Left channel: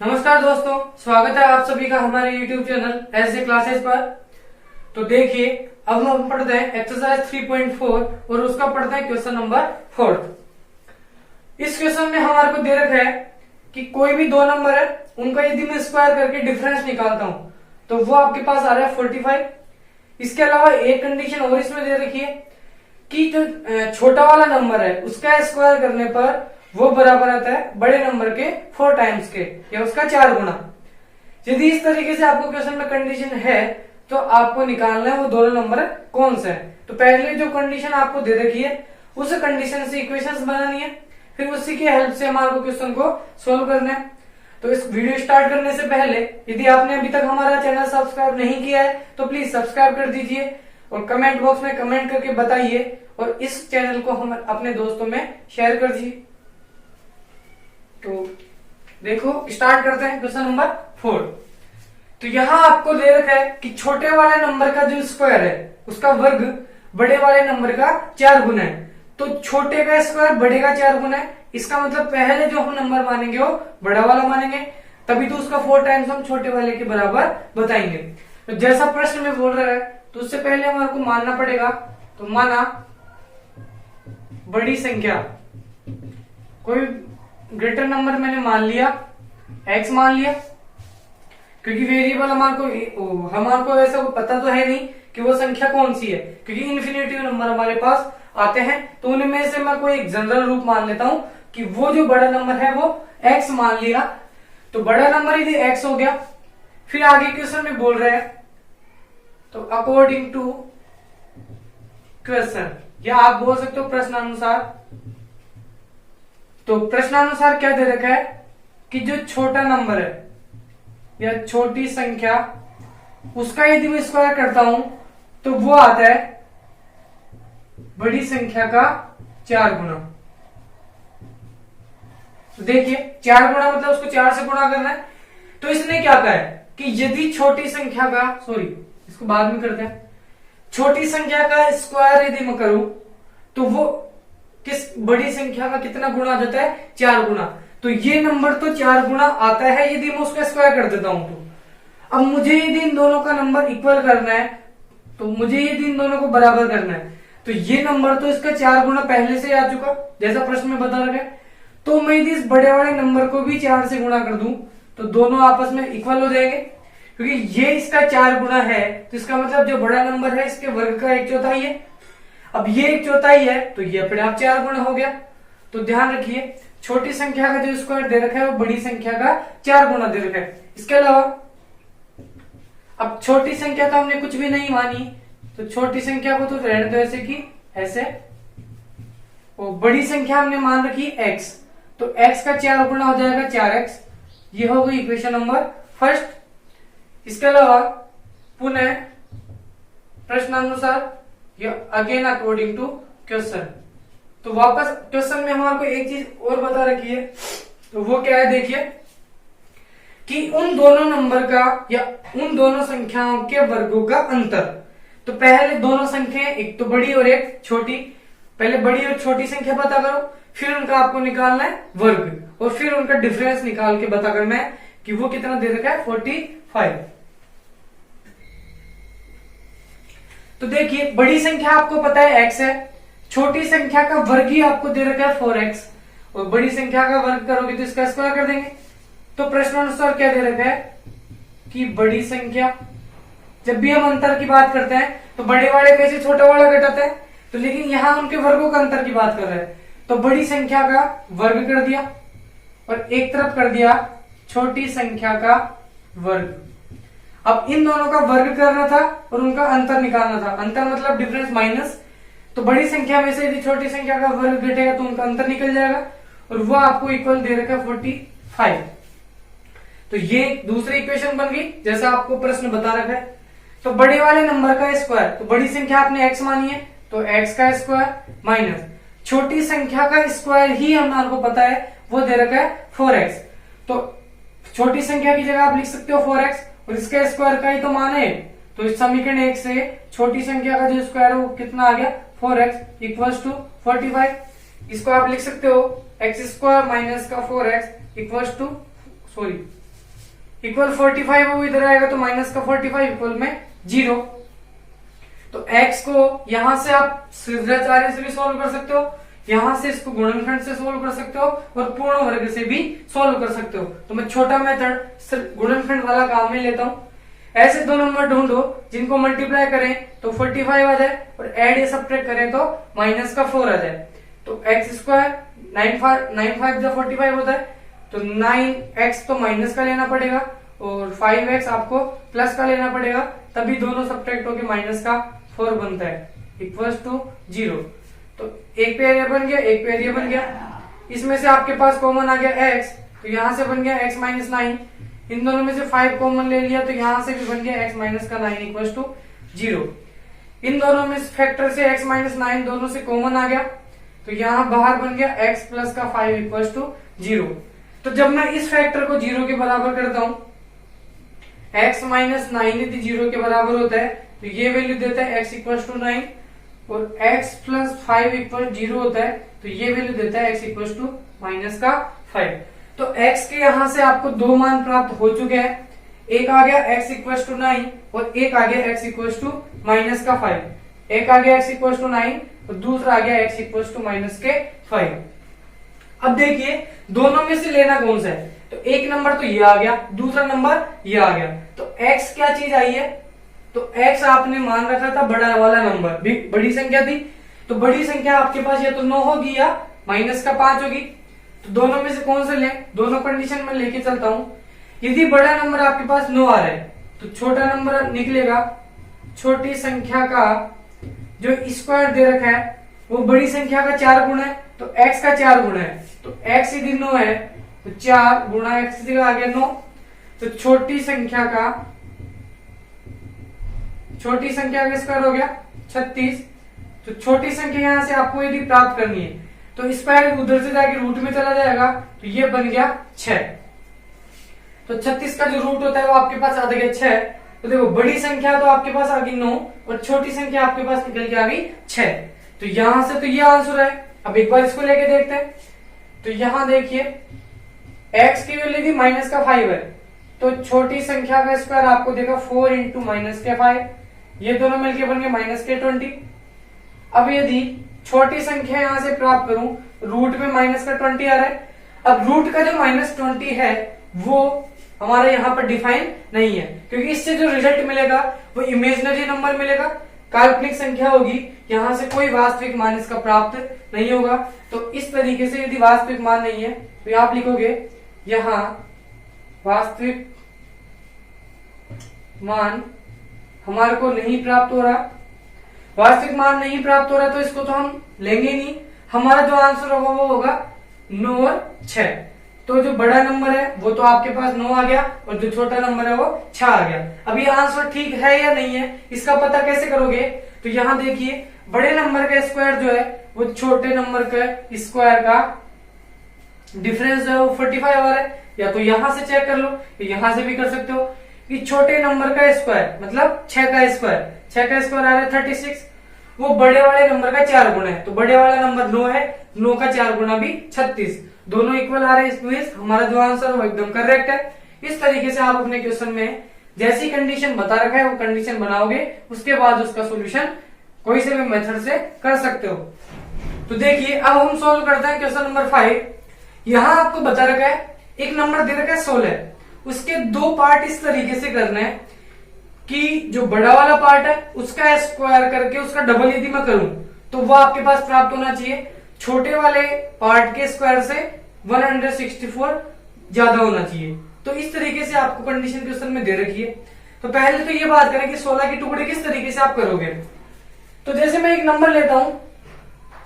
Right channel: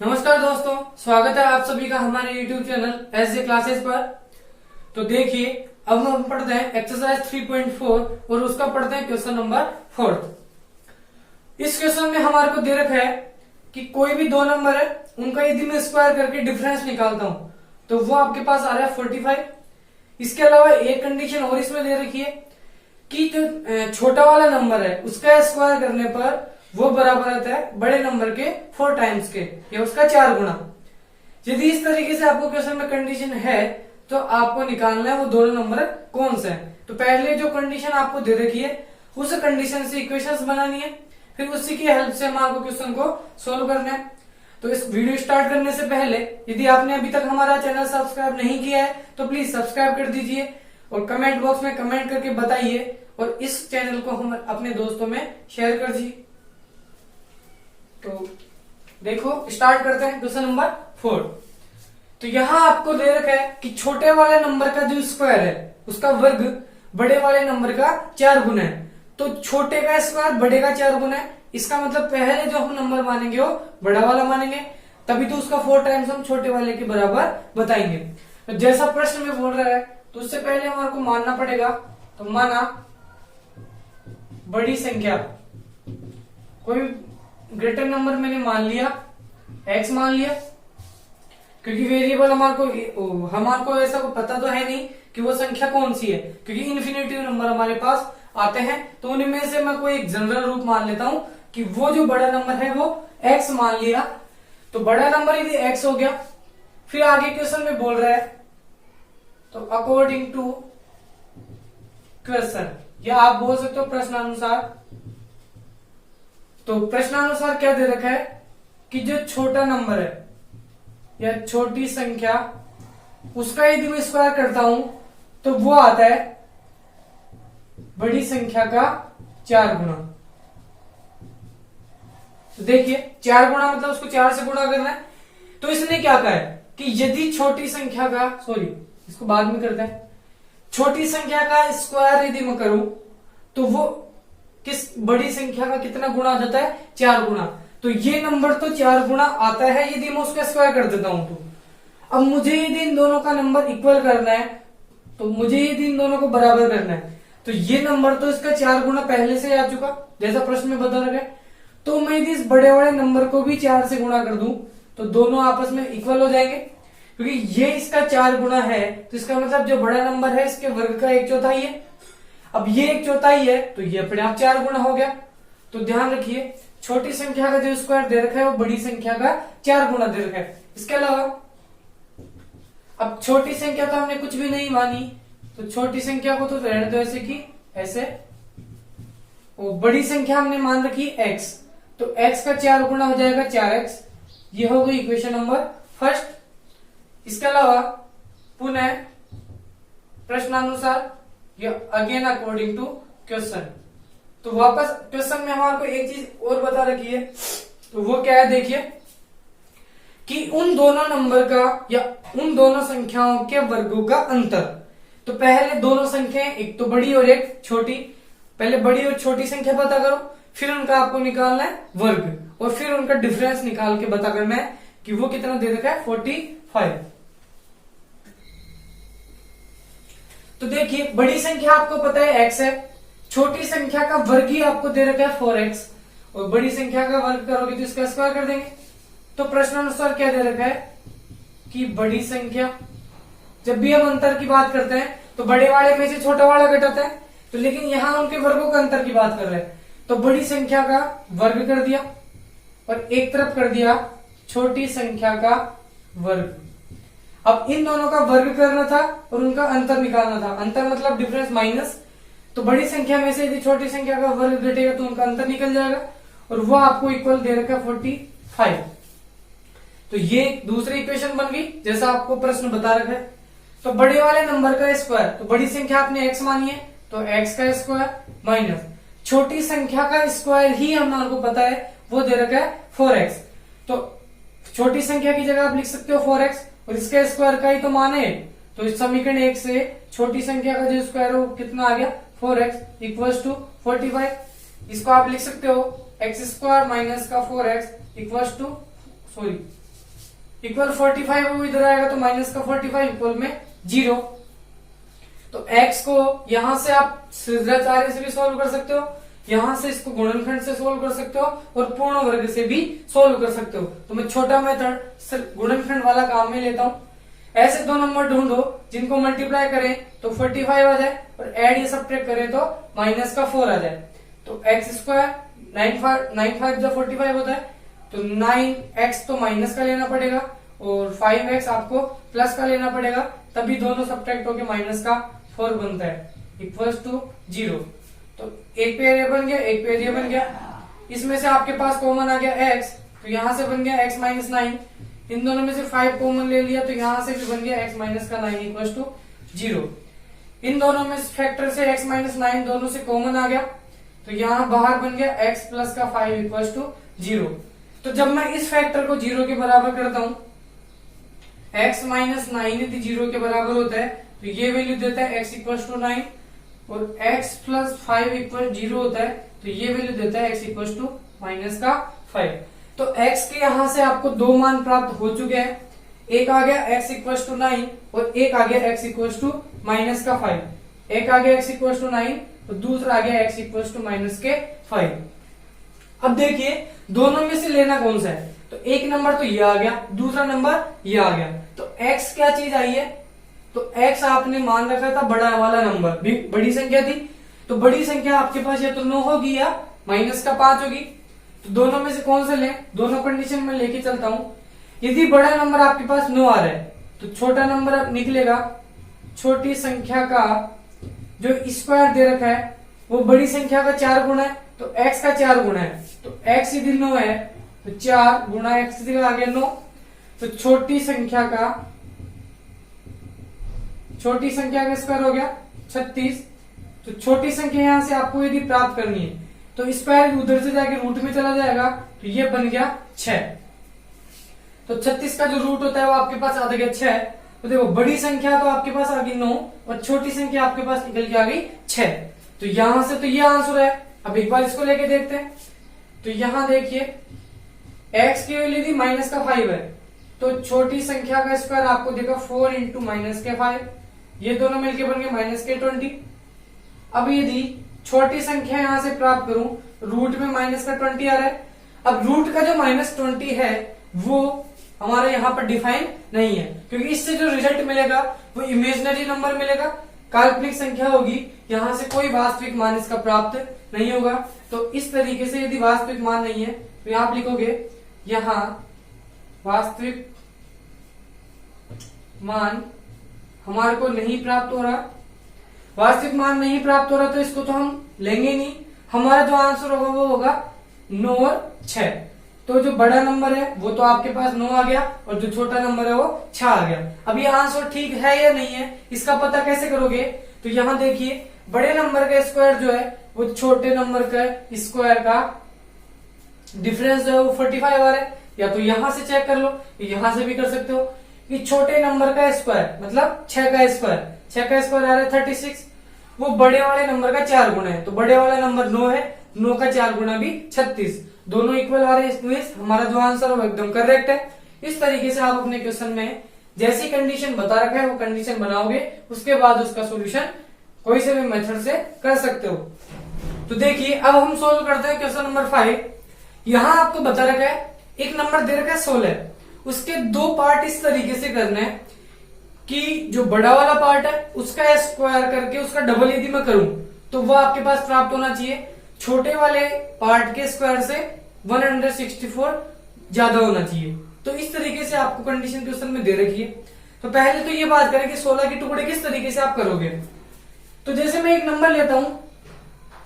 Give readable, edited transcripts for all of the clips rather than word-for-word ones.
नमस्कार दोस्तों, स्वागत है आप सभी का हमारे YouTube चैनल ऐसे क्लासेस पर। तो देखिए, अब हम पढ़ते हैं एक्सरसाइज 3.4 और उसका पढ़ते हैं क्वेश्चन नंबर 4। इस क्वेश्चन में हमारे को दे रखा है कि कोई भी दो नंबर है, उनका यदि मैं स्क्वायर करके डिफरेंस निकालता हूं तो वो आपके पास आ रहा है 45। इसके अलावा एक कंडीशन और इसमें दे रखी है कि जो छोटा वाला नंबर है उसका स्क्वायर करने पर वो बराबर आता है बड़े नंबर के 4 टाइम्स के या उसका 4 गुना। यदि इस तरीके से आपको क्वेश्चन में कंडीशन है तो आपको निकालना है वो दोनों नंबर कौन से हैं। तो पहले जो कंडीशन आपको दे रखी है उस कंडीशन से इक्वेशंस बनानी है, फिर उसी की हेल्प से हमारे क्वेश्चन को सोल्व करना है। तो इस वीडियो स्टार्ट करने से पहले यदि आपने अभी तक हमारा चैनल सब्सक्राइब नहीं किया है तो प्लीज सब्सक्राइब कर दीजिए और कमेंट बॉक्स में कमेंट करके बताइए और इस चैनल को हम अपने दोस्तों में शेयर कर दीजिए। तो देखो, स्टार्ट करते हैं क्वेश्चन नंबर 4। तो यहां आपको दे रखा है कि छोटे वाले नंबर का जो स्क्वायर है उसका वर्ग बड़े वाले नंबर का 4 गुना है। तो छोटे का स्क्वायर बड़े का 4 गुना है, इसका मतलब पहले जो हम नंबर मानेंगे वो बड़ा वाला मानेंगे, तभी तो उसका 4 टाइम्स हम छोटे वाले के बराबर बताएंगे। तो जैसा प्रश्न में बोल रहा है तो उससे पहले हमारे को मानना पड़ेगा। तो माना बड़ी संख्या, कोई ग्रेटर नंबर मैंने मान लिया, x मान लिया, क्योंकि वेरिएबल हमारे को ऐसा पता तो है नहीं कि वो संख्या कौन सी है, क्योंकि इन्फिनेटिव नंबर हमारे पास आते हैं। तो उनमें से मैं कोई एक जनरल रूप मान लेता हूं कि वो जो बड़ा नंबर है वो x मान लिया। तो बड़ा नंबर यदि x हो गया, फिर आगे क्वेश्चन में बोल रहा है तो अकॉर्डिंग टू क्वेश्चन, या आप बोल सकते हो प्रश्नानुसार। तो प्रश्नानुसार क्या दे रखा है कि जो छोटा नंबर है या छोटी संख्या उसका यदि मैं स्क्वायर करता हूं तो वो आता है बड़ी संख्या का 4 गुना। तो देखिए, 4 गुना मतलब उसको 4 से गुणा करना है। तो इसने क्या कहा है कि यदि छोटी संख्या का, इसको बाद में करते हैं, छोटी संख्या का स्क्वायर यदि मैं करूं तो वो किस बड़ी संख्या का कितना गुना आ जाता है, 4 गुना। तो ये नंबर तो 4 गुना आता है यदि मैं उसका स्क्वायर कर देता हूं। तो अब मुझे यदि इन दोनों का नंबर इक्वल करना है, तो मुझे यदि इन दोनों को बराबर करना है, तो ये नंबर तो इसका 4 गुना पहले से आ चुका जैसा प्रश्न में बता रहा है। तो मैं यदि इस बड़े वाले नंबर को भी 4 से गुणा कर दूं तो दोनों आपस में इक्वल हो जाएंगे, क्योंकि ये इसका 4 गुना है। तो इसका मतलब जो बड़ा नंबर है इसके वर्ग का 1/4 है। अब ये 1/4 है तो ये अपने आप 4 गुना हो गया। तो ध्यान रखिए, छोटी संख्या का जो स्क्वायर दे रखा है वो बड़ी संख्या का 4 गुना दे रखा है। इसके अलावा अब छोटी संख्या तो हमने कुछ भी नहीं मानी, तो छोटी संख्या को तो रहने दो ऐसे की ऐसे, और बड़ी संख्या हमने मान रखी x, तो x का 4 गुना हो जाएगा 4x। ये हो गई इक्वेशन नंबर 1। इसके अलावा पुनः प्रश्नानुसार, अगेन अकॉर्डिंग टू क्वेश्चन। तो वापस क्वेश्चन में हमारे को एक चीज और बता रखी है, तो वो क्या है, देखिए कि उन दोनों नंबर का या उन दोनों संख्याओं के वर्गों का अंतर। तो पहले दोनों संख्याएं, एक तो बड़ी और एक छोटी, पहले बड़ी और छोटी संख्या पता करो, फिर उनका आपको निकालना है वर्ग, और फिर उनका डिफरेंस निकाल के पता करना है कि वो कितना दे रखा है, 45। तो देखिए, बड़ी संख्या आपको पता है x है, छोटी संख्या का वर्ग ही आपको दे रखा है 4x, और बड़ी संख्या का वर्ग करोगे तो इसका स्क्वायर कर देंगे। तो प्रश्नानुसार क्या दे रखा है कि बड़ी संख्या, जब भी हम अंतर की बात करते हैं तो बड़े वाले पे से छोटा वाला घटाता है, तो लेकिन यहां उनके वर्गों का अंतर की बात कर रहे हैं। तो बड़ी संख्या का वर्ग कर दिया और एक तरफ कर दिया छोटी संख्या का वर्ग। अब इन दोनों का वर्ग करना था और उनका अंतर निकालना था। अंतर मतलब डिफरेंस माइनस। तो बड़ी संख्या में से यदि छोटी संख्या का वर्ग घटेगा तो उनका अंतर निकल जाएगा, और वो आपको इक्वल दे रखा है 45। तो ये दूसरी इक्वेशन बन गई जैसा आपको प्रश्न बता रखा है। तो बड़े वाले नंबर का स्क्वायर, तो बड़ी संख्या आपने x मानी है तो x का स्क्वायर माइनस छोटी संख्या का स्क्वायर ही हमारे को पता है वो दे रखा है 4x। तो छोटी संख्या की जगह आप लिख सकते हो 4x, और इसका स्क्वायर का ही तो मान है। तो इस समीकरण 1 से छोटी संख्या का जो स्क्वायर है वो कितना आ गया, 4x इक्वल्स टू 45। इसको आप लिख सकते हो x² माइनस का 4x इक्वल्स टू इक्वल 45 है वो इधर आएगा तो माइनस का 45 इक्वल में 0। तो x को यहां से आप सीधाचार्य से भी सोल्व कर सकते हो, यहां से इसको गुणनखंड से सोल्व कर सकते हो और पूर्ण वर्ग से भी सोल्व कर सकते हो। तो मैं छोटा मेथड सिर्फ गुणनखंड वाला काम में लेता हूं। ऐसे दो नंबर ढूंढो जिनको मल्टीप्लाई करें तो 45 आ जाए और एड या सब्ट्रैक्ट करें तो माइनस का 4 आ जाए। तो एक्स स्क्वायर 9 जब 45 होता है तो 9x तो माइनस का लेना पड़ेगा और 5x आपको प्लस का लेना पड़ेगा, तभी दोनों सब्ट्रैक्ट होकर माइनस का 4 बनता है इक्वल्स टू 0। तो एक पेयर ये बन गया, एक पेयर ये बन गया। इसमें से आपके पास कॉमन आ गया x, तो यहां से बन गया x माइनस 9। इन दोनों में से 5 कॉमन ले लिया तो यहां से भी बन गया x माइनस का 9 इक्वल्स टू 0। इन दोनों में फैक्टर से x माइनस 9 दोनों से कॉमन आ गया तो यहां बाहर बन गया x प्लस का 5 इक्वल्स टू 0। तो जब मैं इस फैक्टर को 0 के बराबर करता हूं, x माइनस 9 यदि 0 के बराबर होता है तो ये वैल्यू देता है x इक्वल्स टू 9 और x प्लस 5 इक्वल 0 होता है तो ये वैल्यू देता है x इक्वल्स टू माइनस का 5। तो x के यहां से आपको दो मान प्राप्त हो चुके हैं, एक आ गया x इक्वल्स टू 9 और एक आ गया x इक्वल्स टू माइनस का 5। एक आ गया x इक्वल्स टू 9 और दूसरा आ गया x इक्वल्स टू माइनस के 5। अब देखिए दोनों में से लेना कौन सा है, तो एक नंबर तो ये आ गया, दूसरा नंबर ये आ गया। तो x क्या चीज आई है, तो x आपने मान रखा था बड़ा वाला नंबर, बड़ी संख्या थी, तो बड़ी संख्या आपके पास या तो 9 होगी या माइनस का 5 होगी। तो दोनों में से कौन सा ले, दोनों कंडीशन में लेके चलता हूं। यदि बड़ा नंबर आपके पास 9 आ रहा है तो छोटा नंबर निकलेगा, छोटी संख्या का जो स्क्वायर दे रखा है वो बड़ी संख्या का 4 गुना है, तो x का 4 गुना है। तो x यदि 9 है तो 4 गुना x आ गया 9। तो छोटी संख्या का स्क्वायर हो गया 36। तो छोटी संख्या यहां से आपको यदि प्राप्त करनी है तो स्क्वायर उधर से जाके रूट में चला जाएगा तो ये बन गया 6। तो 36 का जो रूट होता है वो आपके पास आ गया 6। तो देखो बड़ी संख्या तो आपके पास आ गई 9 और छोटी संख्या आपके पास निकल के आ गई 6। तो यहां से तो ये आंसर है। अब एक बार इसको लेके देखते हैं। तो यहां देखिए x की वैल्यू थी माइनस का 5 है, तो छोटी संख्या का स्क्वायर आपको देगा 4 इंटू माइनस के 5, ये दोनों मिलके बन गए माइनस के 20। अब यदि छोटी संख्या यहां से प्राप्त करूं, रूट में माइनस का 20 आ रहा है। अब रूट का जो माइनस 20 है वो हमारे यहाँ पर डिफाइन नहीं है, क्योंकि इससे जो रिजल्ट मिलेगा वो इमेजिनरी नंबर मिलेगा, काल्पनिक संख्या होगी, यहां से कोई वास्तविक मान इसका प्राप्त नहीं होगा। तो इस तरीके से यदि वास्तविक मान नहीं है तो आप लिखोगे यहां वास्तविक मान हमारे को नहीं प्राप्त हो रहा। वास्तविक मान नहीं प्राप्त हो रहा तो इसको तो हम लेंगे नहीं, हमारा जो आंसर होगा वो होगा 9 और 6। तो जो बड़ा नंबर है वो तो आपके पास 9 आ गया और जो छोटा नंबर है वो 6 आ गया। अब ये आंसर ठीक है या नहीं है इसका पता कैसे करोगे, तो यहां देखिए बड़े नंबर का स्क्वायर जो है वो छोटे नंबर का स्क्वायर का डिफरेंस जो है वो 45 आ रहा है। या तो यहां से चेक कर लो, तो यहां से भी कर सकते हो कि छोटे नंबर का स्क्वायर मतलब 6 का स्क्वायर आ रहा है 36, वो बड़े वाले नंबर का 4 गुना है। तो बड़े वाला नंबर 9 है, 9 का 4 गुना भी 36, दोनों इक्वल आ रहे हैं। इसमें हमारा जो आंसर है वो एकदम करेक्ट है। इस तरीके से आप अपने क्वेश्चन में जैसी कंडीशन बता रखा है वो कंडीशन बनाओगे, उसके बाद उसका सोल्यूशन कोई से भी मेथड से कर सकते हो। तो देखिए अब हम सॉल्व करते हैं क्वेश्चन नंबर 5। यहां आपको बता रखा है एक नंबर दे रखा है 16, उसके दो पार्ट इस तरीके से करना है कि जो बड़ा वाला पार्ट है उसका स्क्वायर करके उसका डबल यदि मैं करूं तो वो आपके पास प्राप्त होना चाहिए छोटे वाले पार्ट के स्क्वायर से 164 ज्यादा होना चाहिए। तो इस तरीके से आपको कंडीशन क्वेश्चन में दे रखी है। तो पहले तो ये बात करें कि 16 के टुकड़े किस तरीके से आप करोगे। तो जैसे मैं एक नंबर लेता हूं,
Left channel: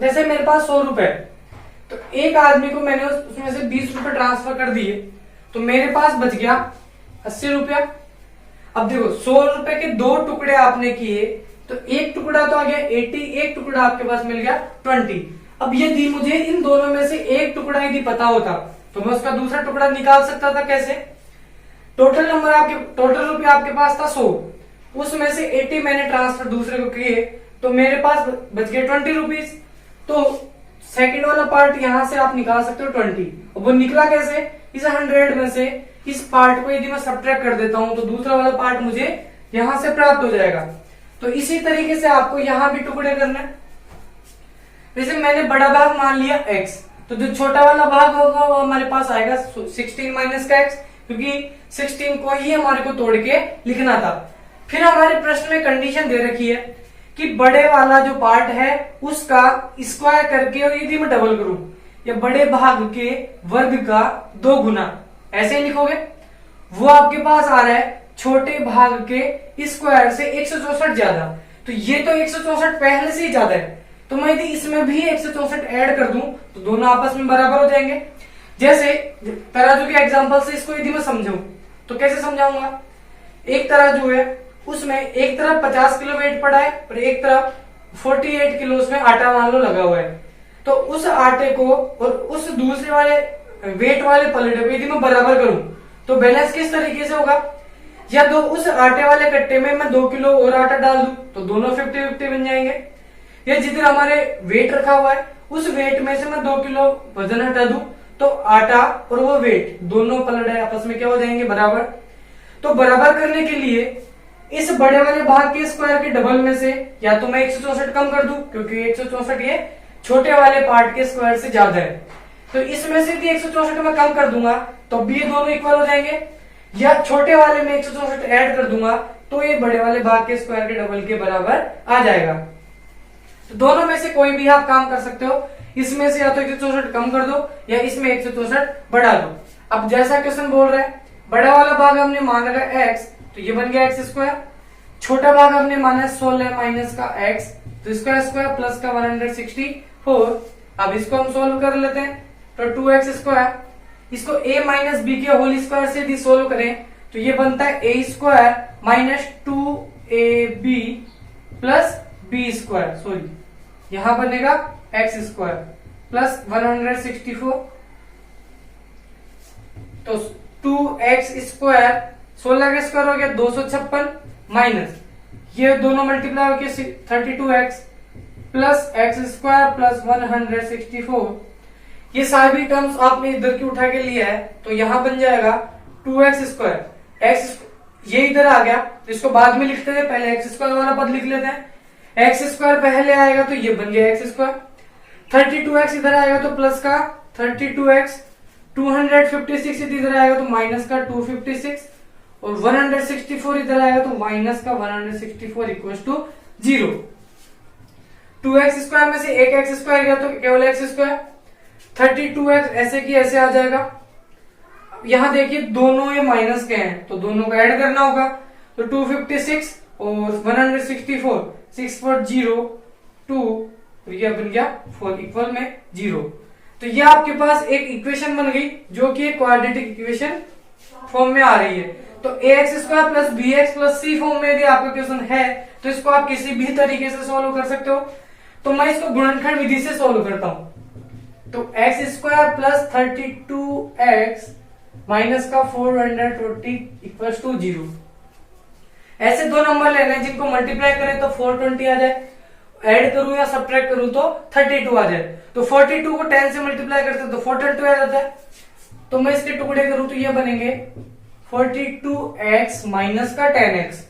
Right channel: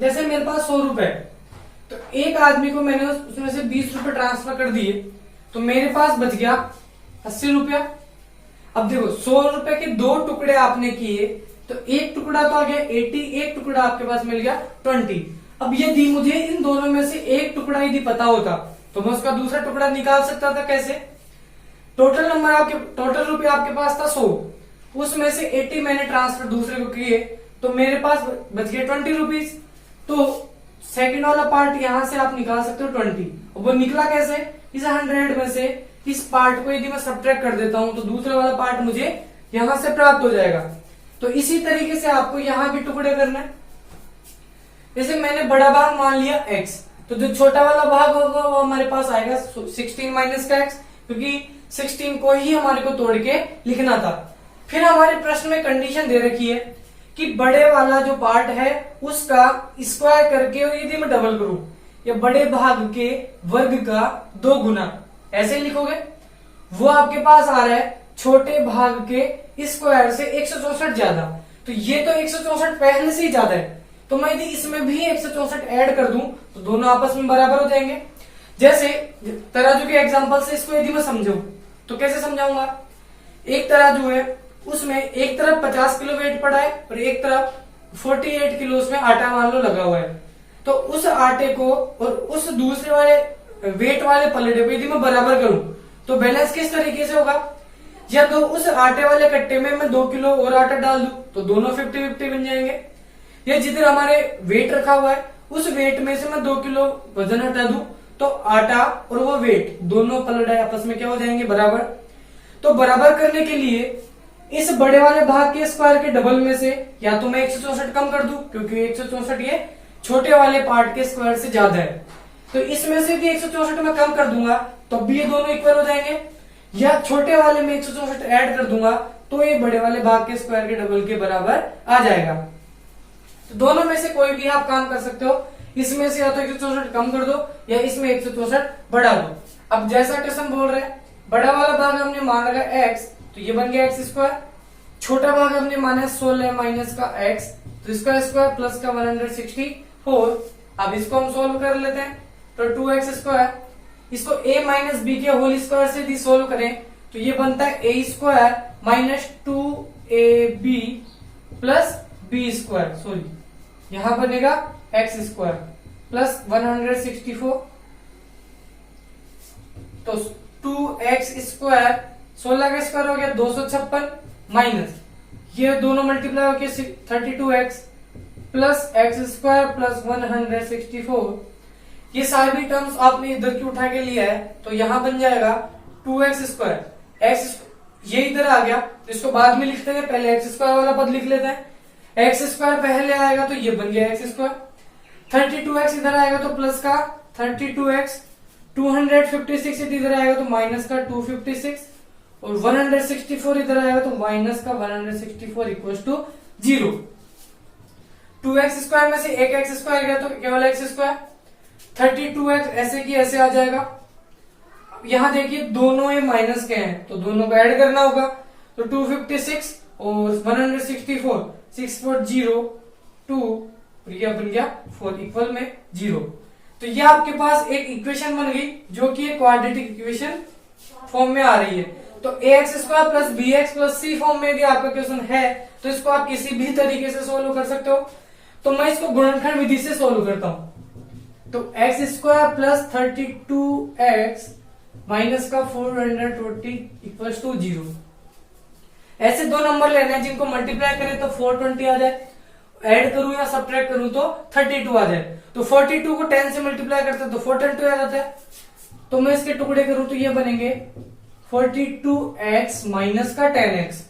जैसे मेरे पास 100 रुपए, तो एक आदमी को मैंने उसमें से 20 रुपए ट्रांसफर कर दिए तो मेरे पास बच गया 80 रुपया। अब देखो 100 रुपए के दो टुकड़े आपने किए तो एक टुकड़ा तो आ गया 80, एक टुकड़ा आपके पास मिल गया 20। अब यदि मुझे इन दोनों में से एक टुकड़ा यदि पता होता तो मैं उसका दूसरा टुकड़ा निकाल सकता था। कैसे, टोटल रुपया आपके पास था 100, उसमें से 80 मैंने ट्रांसफर दूसरे को किए तो मेरे पास बच गए 20 रुपीज। तो सेकंड वाला पार्ट यहां से आप निकाल सकते हो 20, और वो निकला कैसे, इस 100 में से इस पार्ट को यदि मैं सब्ट्रैक्ट कर देता हूं तो दूसरा वाला पार्ट मुझे यहां से प्राप्त हो जाएगा। तो इसी तरीके से आपको यहां भी टुकड़े करना है। जैसे मैंने बड़ा भाग मान लिया x, तो जो छोटा वाला भाग होगा वो हमारे पास आएगा 16 माइनस का x, क्योंकि 16 को ही हमारे को तोड़ के लिखना था। फिर हमारे प्रश्न में कंडीशन दे रखी है कि बड़े वाला जो पार्ट है उसका स्क्वायर करके यदि मैं डबल करूं या बड़े भाग के वर्ग का 2 गुना, ऐसे ही लिखोगे। वो आपके पास आ रहा है छोटे भाग के स्क्वायर से 164 ज्यादा, तो ये तो 164 पहले से ही ज्यादा है, तो मैं यदि इसमें भी 164 ऐड कर दूं तो दोनों आपस में बराबर हो जाएंगे। जैसे तराजू के एग्जांपल से इसको यदि मैं समझाऊं तो कैसे समझाऊंगा। एक तराजू है, उसमें एक तरफ 50 किलो वेट पड़ा है और एक तरफ 48 किलो उसमें आटा मान लो लगा हुआ है। तो उस आटे को और उस दूसरे वाले वेट वाले पलड़े को यदि मैं बराबर करूं तो बैलेंस किस तरीके से होगा, या तो उस आटे वाले कट्टे में मैं 2 किलो और आटा डाल दूं तो दोनों 50-50 बन जाएंगे, या जिधर हमारे वेट रखा हुआ है उस वेट में से मैं 2 किलो वजन हटा दूं तो आटा और वो वेट दोनों पलड़े आपस में क्या हो जाएंगे, बराबर। तो बराबर करने के लिए इस बड़े वाले भाग के स्क्वायर के डबल में से या तो मैं 164 कम कर दूं, क्योंकि 164 ये छोटे वाले पार्ट के स्क्वायर से ज्यादा है, तो इसमें से भी 164 मैं कम कर दूंगा तो भी ये दोनों इक्वल हो जाएंगे, या छोटे वाले में 164 ऐड कर दूंगा तो ये बड़े वाले भाग के स्क्वायर के डबल के बराबर आ जाएगा। तो दोनों में से कोई भी आप काम कर सकते हो, इसमें से या तो 164 कम कर दो या इसमें 164 बढ़ा दो। अब जैसा क्वेश्चन बोल रहा है, बड़ा वाला भाग हमने मान रखा x, तो ये बन गया एक्स स्क्वायर। छोटा भाग हमने माना 16 माइनस का x, तो इसका स्क्वायर प्लस का 164। अब इसको हम सोल्व कर लेते हैं, तो 2x स्क्वायर, इसको a माइनस बी के होल स्क्वायर से यदि सोल्व करें तो ये बनता है a square minus 2ab plus B square, sorry यहां बनेगा x स्क्वायर प्लस 164। तो 2x स्क्वायर 16 का स्क्वायर हो गया 256 माइनस ये दोनों मल्टीप्लाई होकर 32x plus x square plus 164। ये सारी टर्म्स आपने इधर की उठा के लिया है तो यहां बन जाएगा 2x स्क्वायर, एक्स ये इधर आ गया, इसको बाद में लिखते हैं, पहले एक्स स्क्वायर वाला पद लिख लेते हैं। एक्स स्क्वायर पहले आएगा तो ये बन गया एक्स स्क्वायर, 32x इधर आएगा तो प्लस का 32x, 256 इधर आएगा तो माइनस का 256 और 164 इधर आएगा तो माइनस का 164 इक्वल टू 0। 2x स्क्वायर में से एक एक्स स्क्वायर गया तो केवल एक्स स्क्वायर, 32x ऐसे की ऐसे आ जाएगा। यहां देखिए दोनों ये माइनस के हैं तो दोनों को ऐड करना होगा, तो 256 और 164 6 4 0 2 और ये बन गया 4 इक्वल में 0। तो ये आपके पास एक इक्वेशन बन गई जो कि एक क्वाड्रेटिक इक्वेशन फॉर्म में आ रही है। तो ax square plus B X plus C form में यदि आपका क्वेश्चन है तो इसको आप किसी भी तरीके से सोल्व कर सकते हो। तो मैं इसको गुणनखंड विधि से सोल्व करता हूं, तो x square plus 32x minus का 420 इक्वल टू 0। ऐसे दो नंबर लेने हैं जिनको मल्टीप्लाई करें तो 420 आ जाए, ऐड करूं या सब्ट्रैक्ट करूं तो 32 आ जाए। तो 42 को 10 से मल्टीप्लाई करते हैं तो 422 आ जाता है। तो मैं इसके टुकड़े करूं तो ये बनेंगे 42x माइनस का 10x।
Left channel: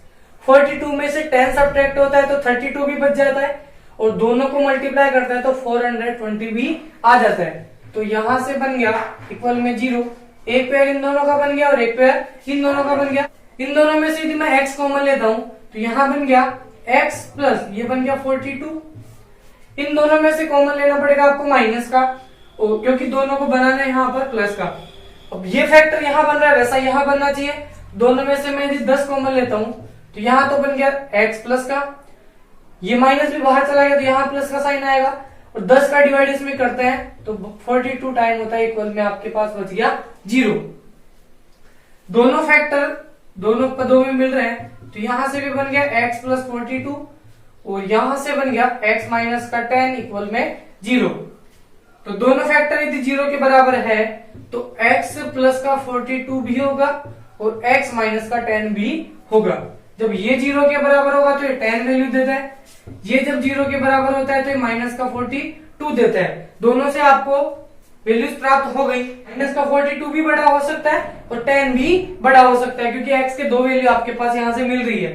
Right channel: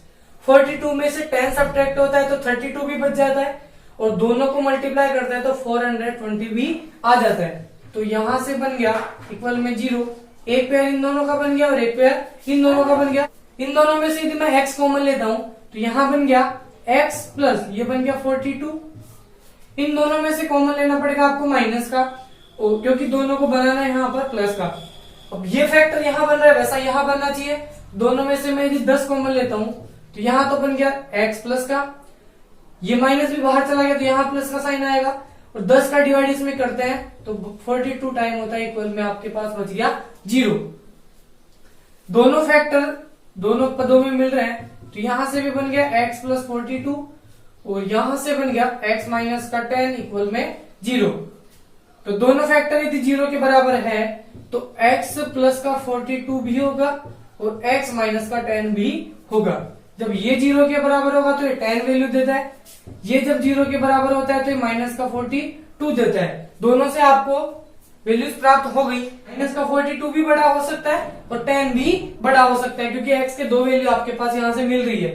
42 में से 10 सब्ट्रैक्ट होता है तो 32 भी बच जाता है और दोनों को मल्टीप्लाई करता है तो 420 भी आ जाता है। तो यहां से बन गया इक्वल में 0। एक पेयर इन दोनों का बन गया और एक पेयर इन दोनों का बन गया। इन दोनों में से यदि मैं x कॉमन लेता हूं तो यहां बन गया x प्लस ये बन गया 42। इन दोनों में से कॉमन लेना पड़ेगा आपको माइनस का, क्योंकि दोनों को बनाना है यहाँ पर प्लस का। अब ये फैक्टर यहाँ बन रहा है वैसा यहाँ बनना चाहिए। दोनों में से मैं यदि 10 कॉमन लेता हूं तो यहाँ तो बन गया x प्लस का, ये माइनस भी बाहर चला गया तो यहाँ प्लस का साइन आएगा और 10 का डिवाइड इसमें करते हैं तो 42 टाइम होता है इक्वल में आपके पास बच गया 0। दोनों फैक्टर दोनों पदों में मिल रहे हैं तो यहां से भी बन गया x प्लस 42 और यहां से बन गया x माइनस का 10 इक्वल में 0। तो दोनों फैक्टर यदि 0 के बराबर है तो x प्लस का 42 भी होगा और x माइनस का 10 भी होगा। जब ये 0 के बराबर होगा तो ये 10 वैल्यू देता है, ये जब 0 के बराबर होता है तो ये माइनस का 42 देता है। दोनों से आपको वैल्यूज प्राप्त हो गई। माइनस का 42 भी बड़ा हो सकता है और 10 भी बड़ा हो सकता है, क्योंकि x के दो वैल्यू आपके पास यहां से मिल रही है।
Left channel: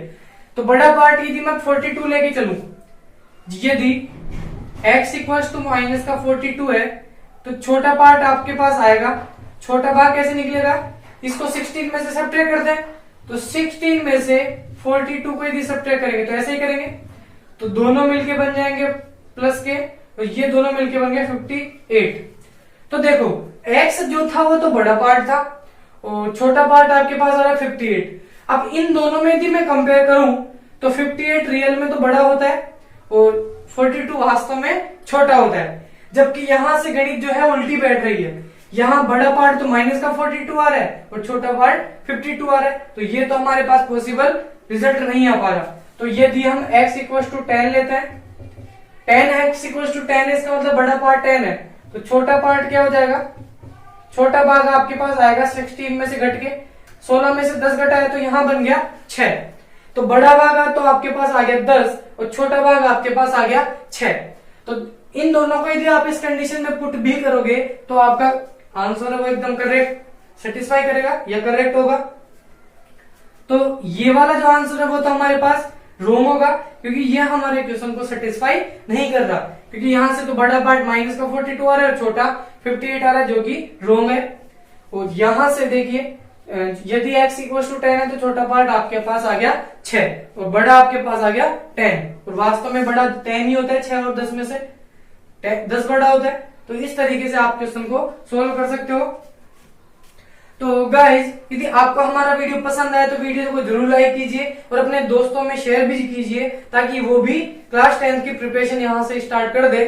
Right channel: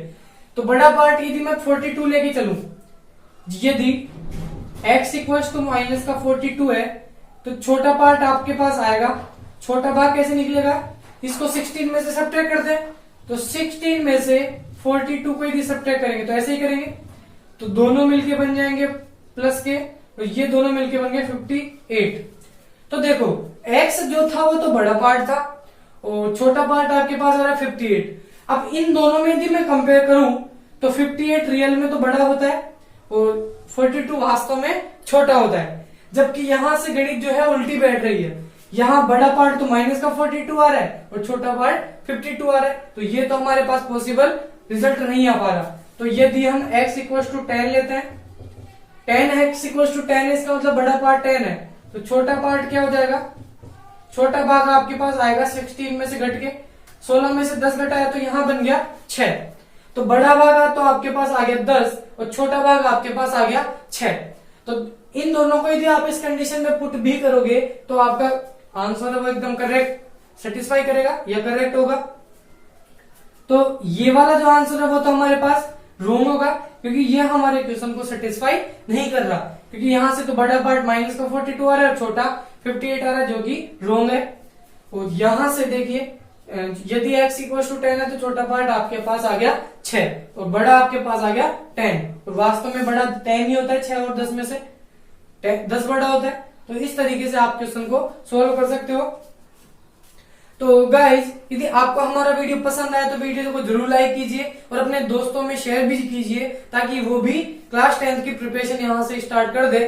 तो बड़ा पार्ट यदि मैं 42 लेके चलूं, यदि x इक्वल्स टू माइनस का 42 है, तो छोटा पार्ट आपके पास आएगा। छोटा भाग कैसे निकलेगा, इसको 16 में से सब्ट्रैक्ट कर दें, तो 16 में से 42 को यदि सब्ट्रैक्ट करेंगे तो ऐसे ही करेंगे, तो दोनों मिलके बन जाएंगे प्लस के, और ये दोनों मिलके बन गए 58। तो देखो x जो था वो तो बड़ा पार्ट था और छोटा पार्ट आपके पास आ रहा है 58। अब इन दोनों में यदि मैं कंपेयर करूं तो 58 रियल में तो बड़ा होता है और 42 वास्तव में छोटा होता है, जबकि यहां से गणित जो है उल्टी बैठ रही है। यहां बड़ा पार्ट तो माइनस का 42 आ रहा है और छोटा पार्ट 52 आ रहा है, तो ये तो हमारे पास पॉसिबल रिजल्ट नहीं आ पा रहा। तो यदि हम x इक्वल टू 10 लेते हैं, 10x इक्वल टू 10 है, इसका मतलब बड़ा पार्ट 10 है, तो छोटा पार्ट क्या हो जाएगा, छोटा भाग आपके पास आएगा 16 में से घट के, 16 में से 10 घटा है तो यहां बन गया 6। तो बड़ा भाग तो आपके पास आ गया 10 और छोटा भाग आपके पास आ गया 6। तो इन दोनों को यदि आप इस कंडीशन में पुट भी करोगे तो आपका आंसर वो एकदम करेक्ट सेटिस्फाई करेगा या करेक्ट होगा। तो ये वाला जो आंसर है वो तो हमारे पास रॉन्ग होगा, क्योंकि ये हमारे क्वेश्चन को सेटिस्फाई नहीं कर रहा, क्योंकि यहां से तो बड़ा पार्ट माइनस का 42 आ रहा है और छोटा 58 आ रहा है, जो कि रॉन्ग है। और यहां से देखिए यदि x इक्वल टू 10 है तो छोटा पार्ट आपके पास आ गया 6 और बड़ा आपके पास आ गया 10, और वास्तव में बड़ा 10 ही होता है, 6 और 10 में से 10 बड़ा होता है। तो इस तरीके से आप क्वेश्चन को सोल्व कर सकते हो। तो गाइज यदि आपको हमारा वीडियो पसंद आया तो वीडियो को जरूर लाइक कीजिए और अपने दोस्तों में शेयर भी कीजिए, ताकि वो भी क्लास 10 की प्रिपरेशन यहां से स्टार्ट कर दे।